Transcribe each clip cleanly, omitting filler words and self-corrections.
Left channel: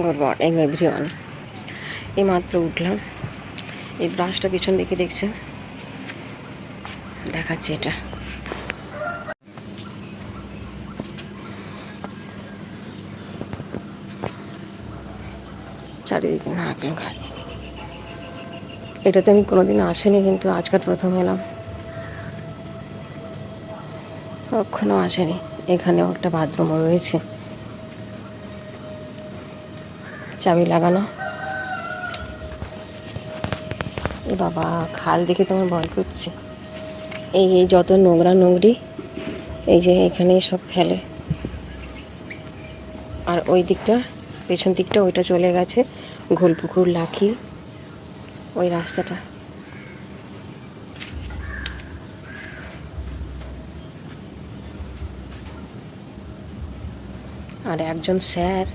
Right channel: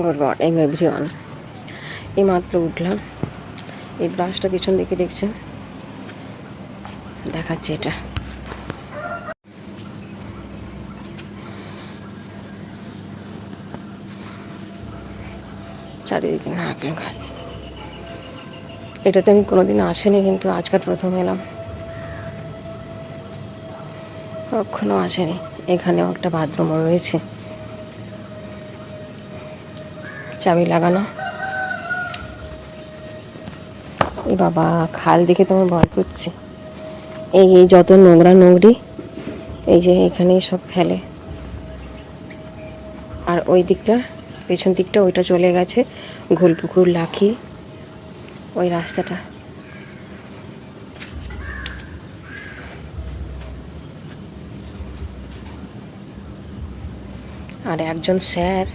Good morning everyone. এই মাত্র উঠলাম। এই ব্রাশটা পিছন দিকে দেখছেন, দেখাচ্ছে এটা। চারিদিকে নারকেল গাছ। এটাতে আমি কোনোদিন আসিনি, কিন্তু আজকাল প্রথম এলাম। কখনো আসেনি। এখানেও একটা বাথরুম রয়েছে, চাবি লাগানো। বাবা, খাল দেখে তোমার ভয় করছে। এই যত নোংরা নোংরি এই যে এখানে সব ফেলে। আর ওই দিকটা, পেছন দিকটা, ওইটা চলে গেছে ঘোলপুকুর, লাখি, ওই রাস্তাটা। আর একজন স্যার,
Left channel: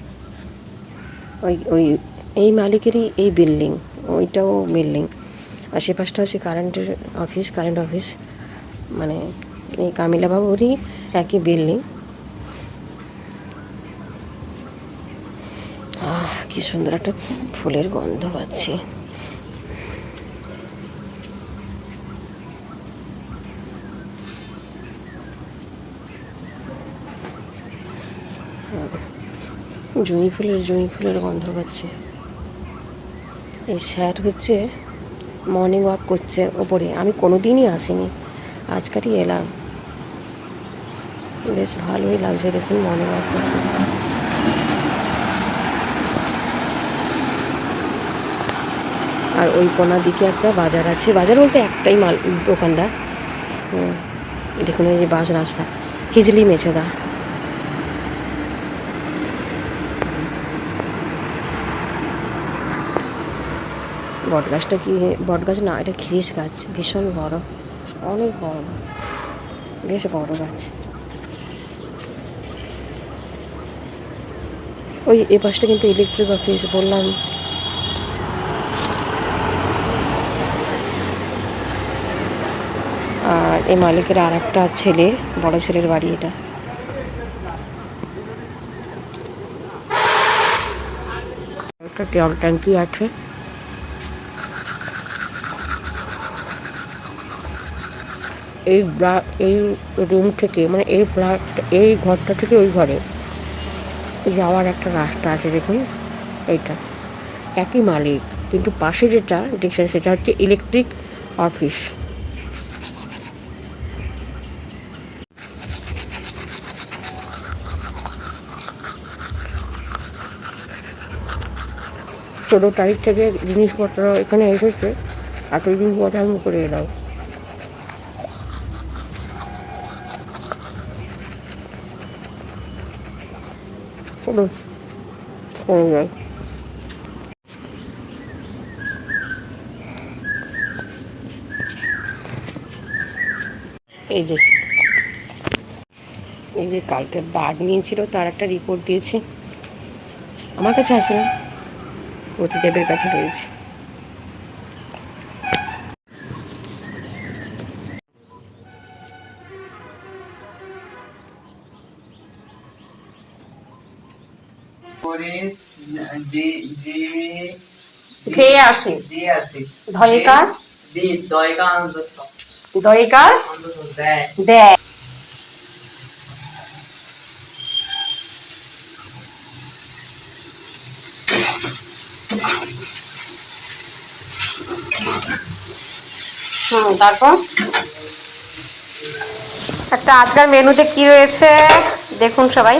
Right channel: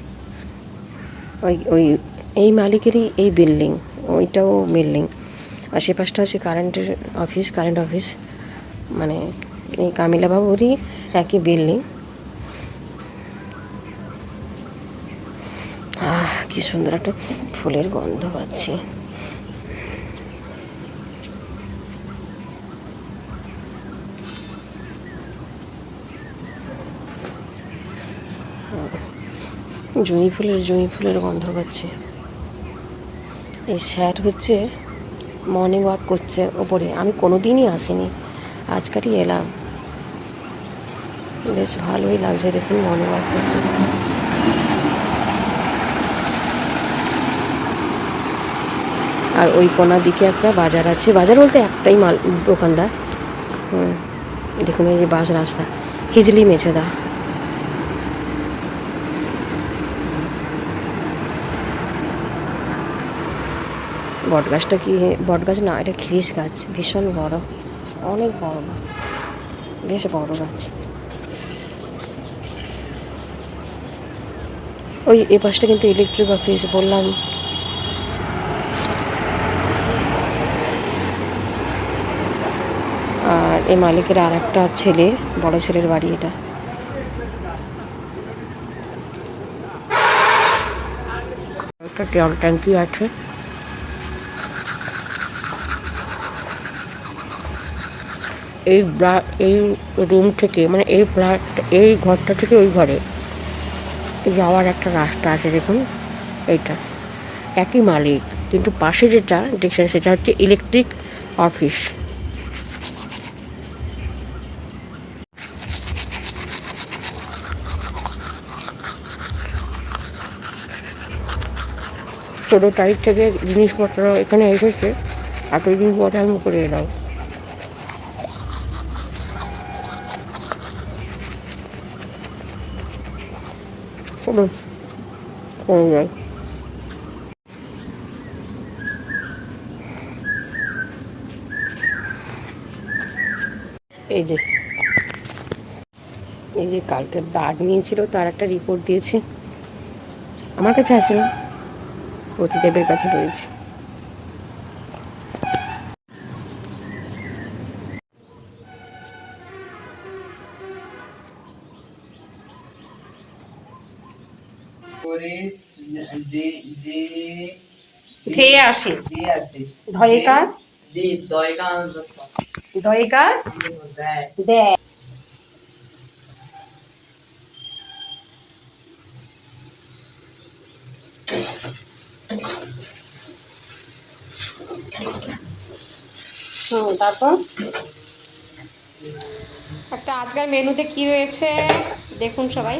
ওই ওই এই মালিকেরই এই বিল্ডিং, ওইটাও বিল্ডিং। আশেপাশটা হচ্ছে কারেন্ট অফিস, মানে এই কামিলাবাবুরই একই বিল্ডিং। কি সুন্দর একটা ফুলের গন্ধ পাচ্ছি। জুঁই ফুলের গন্ধ পাচ্ছি। এই স্যার হচ্ছে মর্নিং ওয়াক করছে ওপরে। আমি কোনোদিনই আসিনি, আজকালই এলাম। বেশ ভালোই লাগছে, দেখুন মর্নিং ওয়াক করছে। আর ওই কোনার দিকে একটা বাজার আছে। বাজার বলতে একটাই মাল দোকানদার। দেখুন এই যে বাস রাস্তা, হিজলি মেছেদা। বটগাছটা কি বটগাছ না, এটা খিরিস গাছ, ভীষণ বড়, অনেক বড়, বেশ বড় গাছ। ওই এ পাশটা কিন্তু ইলেকট্রিক অফিস বললাম। আর এই মালিকের আর একটা ছেলে, বড় ছেলের বাড়ি এটা। একটা জল ট্যাঙ্কি আছে। এই রুম থেকে, মানে এই ফ্ল্যাট, এই ঘরটা থেকে ওই ঘরে যাওয়ার একটা রাস্তা আছে, দেখুন এইটা। একই মালিক, কিন্তু পাশে যেটা দেখছেন সেটা হচ্ছে ইলেকট্রিক অফিস। ষোলো তারিখ থেকে জিনিসপত্র এখানে এসেছে, এতদিন পরে আমি করে এলাম। যায় এই যে কালকে ব্লাড নিয়েছিল, তার একটা রিপোর্ট দিয়েছি। আমার কাছে আসে না, প্রতিদেবের কাছে রয়েছে। ধেয়ে আসে ধয়িকা দয়িকা দেয়। তারপর একটা আজকাল মেনুতে কি রয়েছে দেখুন সবাই।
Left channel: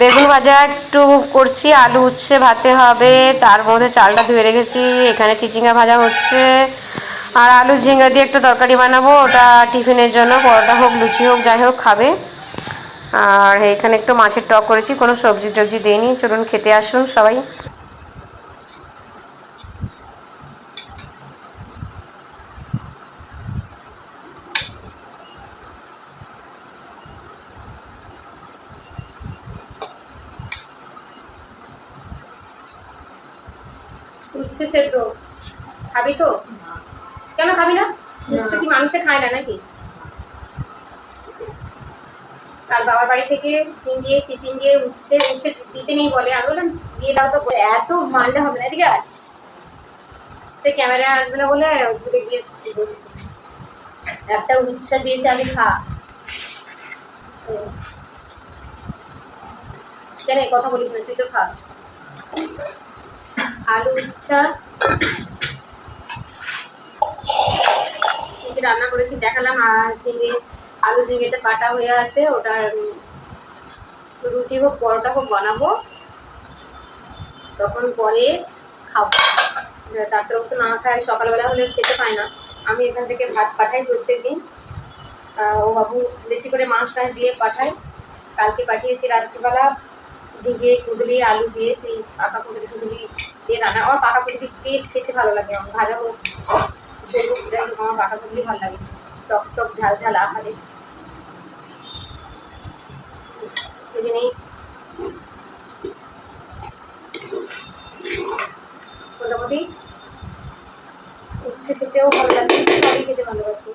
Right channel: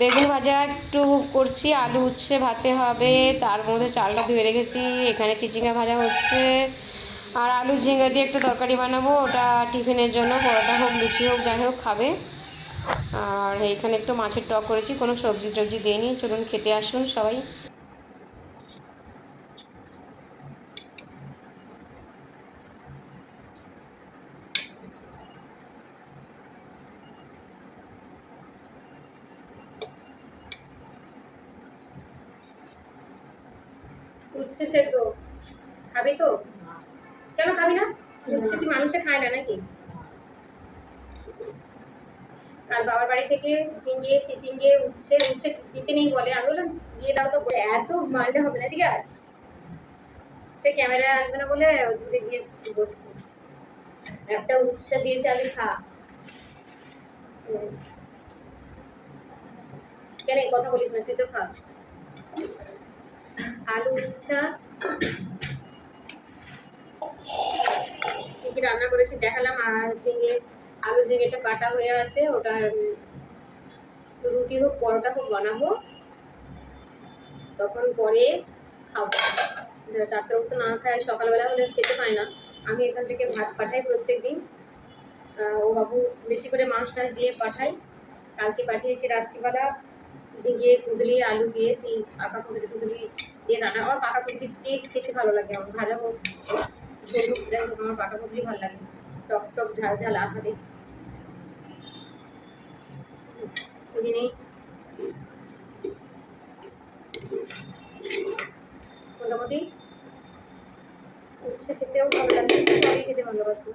বেগুন ভাজা একটু করছি, আলু উচ্ছে ভাতে হবে, তার মধ্যে চালটা ধুয়ে রেখেছি। এখানে চিচিঙ্গা ভাজা হচ্ছে, আর আলু ঝিঙ্গা দিয়ে একটা তরকারি বানাবো, ওটা টিফিনের জন্য, পরোটা হোক লুচি হোক যাই হোক খাবে। আর এখানে একটু মাছের টক করেছি, কোনো সবজি টবজি দিইনি। চলুন খেতে আসুন সবাই। উচ্ছে সেদ্ধ খাবি তো? কেন খাবি না? উচ্ছে কি মানুষে খায় না নাকি? কাল বাবার বাড়ি থেকে ঝিঙে চিচিঙ্গে উচ্ছে উচ্ছে দিতে নেই বলে, আমি বললাম দিয়ে দাও তো, এত মানলে হবে না, ঠিক আছে সে ক্যামেরায় আসবে না বলে ঘুরে গিয়ে বসছি। একটা উচ্ছে দিয়েছে, আমি খা। কেন কথা বলিস না, তুই তো খা। আলু উচ্ছা কি রান্না করেছি দেখালাম। আর ঝিঙে আলু ঝিঙেটা কাটা হয়ে আছে, ওটার রুটি হোক পরোটা হোক বানাবো, তখন পরে খাবো। ডাক্তারবাবু তো না খায়, সকালবেলা হলে খেতে পায় না, আমি এখান থেকে ভাত পাঠাই প্রত্যেক দিন। ও বাবু বেশি করে মাছ টাছ দিয়ে পাঠাই। কালকে পাঠিয়েছি রাত্রিবেলা ঝিঙে কুঁদলি আলু দিয়ে, সেই পাকা কুঁদলি টুদলি দিয়ে রান্না। আমার পাকা কুঁদলি দিয়ে খেতে ভালো লাগে, আমার ভাজা হোক ঝোল হোক, আমার পাকা কুঁদলি ভালো লাগে, টক টক ঝাল ঝাল আহারে। নেই মোটামুটি উচ্ছে খেতেও ভালো লাগে, সবই খেতে ভালোবাসি।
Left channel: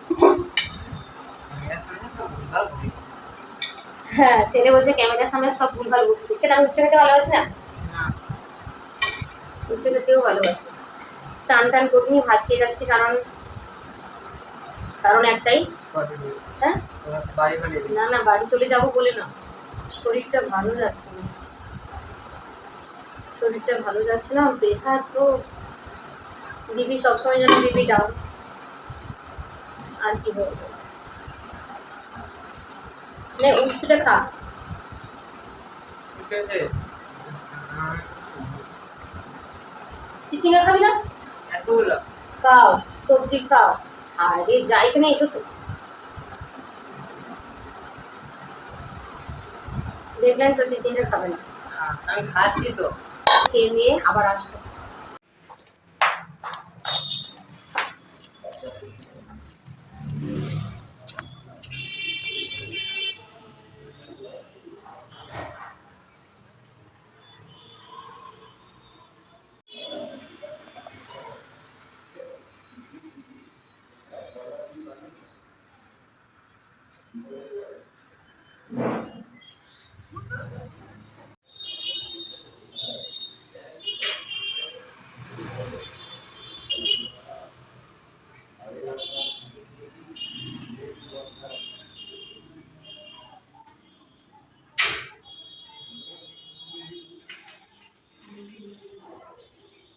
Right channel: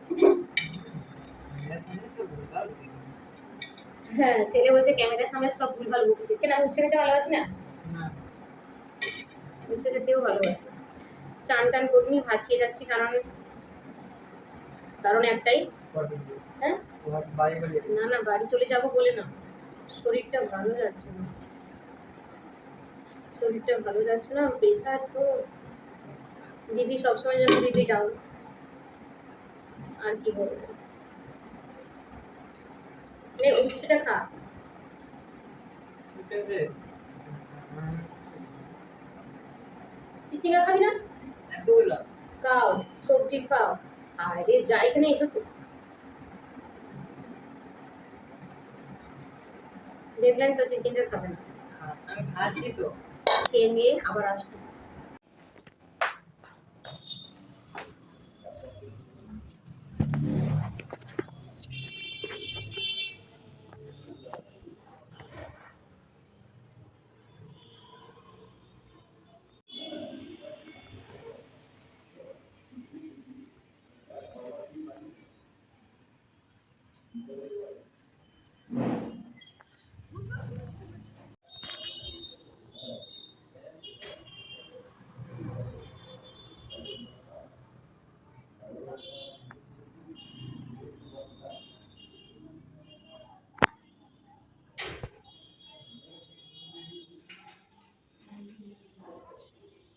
হ্যাঁ, ছেলে বলছে ক্যামেরার সামনে সব ভুলভাল বলছি। কেন আমি উচ্ছে খেতে ভালোবাসি না? উচ্ছে খেতেও ভালোবাসি। চান টান করিনি, ভাত খেয়ে যাচ্ছি, কারণ একটাই। হ্যাঁ না না, বাড়ি চলে যাবো বলে না, শরীরটা ভালো যাচ্ছে না, শরীরটা ভালো যাচ্ছে না। প্রেশার তো, বিপি সবসময় যেন বিপি ডাউন, আর কি বলবো। উচ্ছেটা খা। চিচিঙ্গা খাবি না? এতগুলো খাও, সবজি খাও। আর এই যাই কিনা একটু দেখলেন তো চিচিঙ্গা খাবে না। আমি খাচ্ছি তো, খেয়ে নিয়ে আবার আসতো।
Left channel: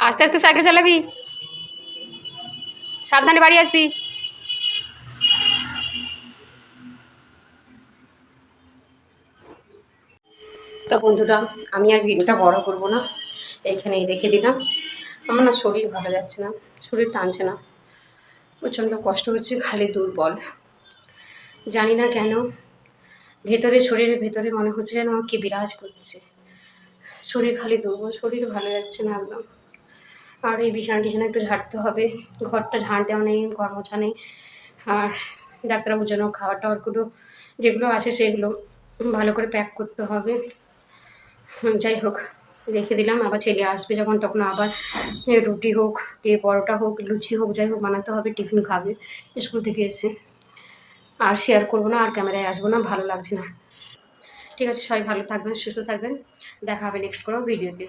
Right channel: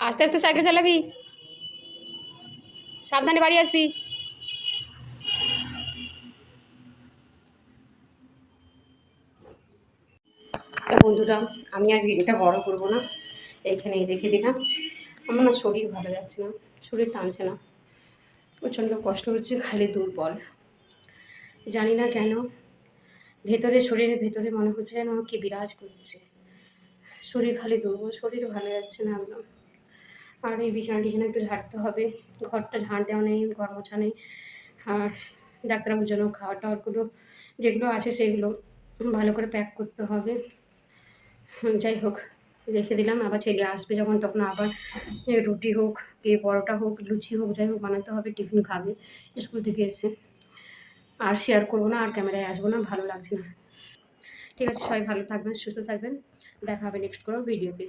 আস্তে আস্তে সাইকেল চালাবি, সাবধানে বাড়ি আসবি। তো বন্ধুরা, আমি আর ভিডিওটা বড় করব না, এইখানেই রেখে দিলাম। আমার না শরীর ভালো যাচ্ছে না, শরীর টানছে না, প্রচণ্ড কষ্ট হচ্ছে, খালি দুর্বল, জানি না কেন। ভেতরে শরীরের ভেতরে মনে হচ্ছে যেন কি বিরাজ করছে, শরীর খালি দুর্বল, শরীর ভালো যাচ্ছে না একদম। আর এই বিছানা টিছানা একটু ঝাড়তে হবে, ঘরটা ঝাড় দেওয়া নেই, ঘর মোছা নেই। আর ডাক্তারবাবুর জন্য খাবার টাবারগুলো যেগুলো আছে সেগুলো ভালো করে প্যাক করতে হবে। যাই হোক, রেখে দিলাম। আবার ছেলে আসবে যখন, তখন আবার রুটি হোক কে পরোটা হোক লুচি হোক যাই হোক বানাতে হবে, টিফিন খাবে স্কুল থেকে এসে। আর শেয়ার করবো না, আর ক্যামেরায় আসবো না, ভালো লাগছে না। ঠিক আছে, সবাই ভালো থাকবেন, সুস্থ থাকবেন, দেখা হবে নেক্সট কোনো ভিডিওতে।